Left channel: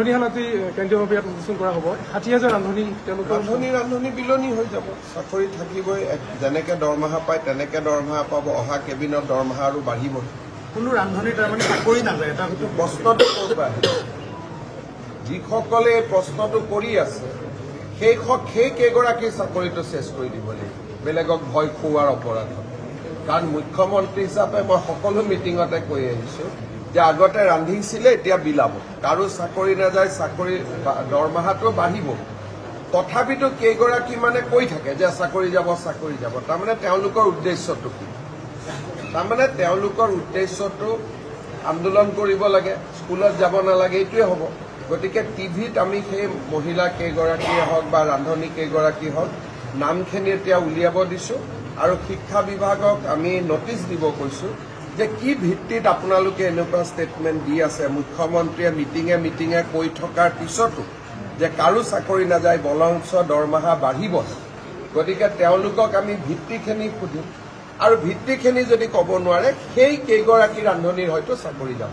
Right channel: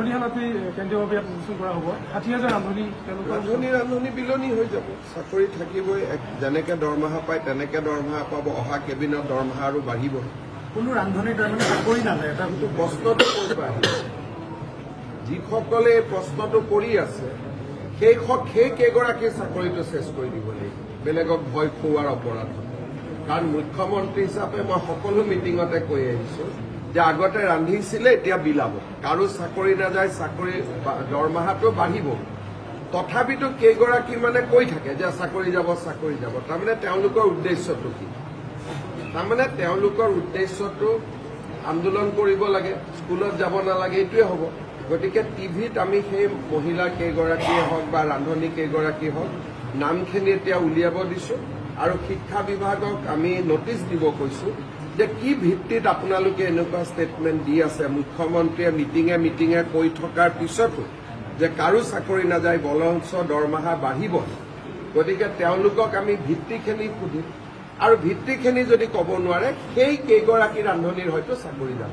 ৰান্ধনীশালাতেই কেন্দ্ৰীয় মন্ত্ৰীয়ে প্ৰতিষ্ঠান কৰা হ'ব ৬০,০০০ ৰান্ধনী বিলনি হৈ যাব চাকৰি থাকিবই যেনেকৈ দৰমহা পায় তেনেকৈ দৰমহা পাব অহা কেবিনত দৰমহা আৰু বাঢ়িব কোনো ৰান্ধনী তাৰমানে চাকৰি নাযায় এটা কিন্তু প্ৰশ্নটো ক'ৰ পৰা আহিব যিসকলে এই প্ৰশ্নটো কৰি আছে সেই কেইগৰাকীৰ চাকৰিটো চেছ কৰি দিব লাগিব বেলেগক ভয় খুওৱাৰ অপৰাধত কাৰণ মুখ্যমন্ত্ৰী হিচাপে মই সকলো মিটিঙতে কৈ আহিছোঁ যে আগতে ৰান্ধিছিলে এতিয়া বিলাব কাৰো চাকৰি নাযায় চাকৰি দৰমহাটো বাঢ়িব তথাপিতো কেইগৰাকী মানে কৈ থাকে যে চাকৰি যাব তাৰমানে তেওঁলোকৰ উদ্দেশ্যটো কি তাৰমানে তেওঁলোকৰ উদ্দেশ্যটো আন্দোলন কৰিব লাগে স্কুলত যাব নালাগে এইটোৱে হ'ব গতিকে টিভিত আমি সেই মহিলা কেইগৰাকীয়ে হওক বা ৰান্ধনী কেইগৰাকী হওক নামখিনি এতিয়া উলিয়াব দিছোঁ আৰু শিক্ষা বিভাগক আমি নটিচ দিব কৈছোঁ যে কি ভিত্তিত আপোনালোকে এনেকুৱা ষ্টেটমেণ্ট দি আছে মুখ্যমন্ত্ৰীয়ে মিটিঙে কৈ থকাৰ পিছতো যে কাৰো চাকৰি নাযায় বৰঞ্চ দৰমহা বাঢ়িব গতিকে তেওঁলোকক আমি ভিত্তিখিনি সুধিম আৰু ভিত্তিখিনি যদি ক'ব নোৱাৰে সেই কেইগৰাকী ৰান্ধনীৰ হয়তো চাকৰি যাব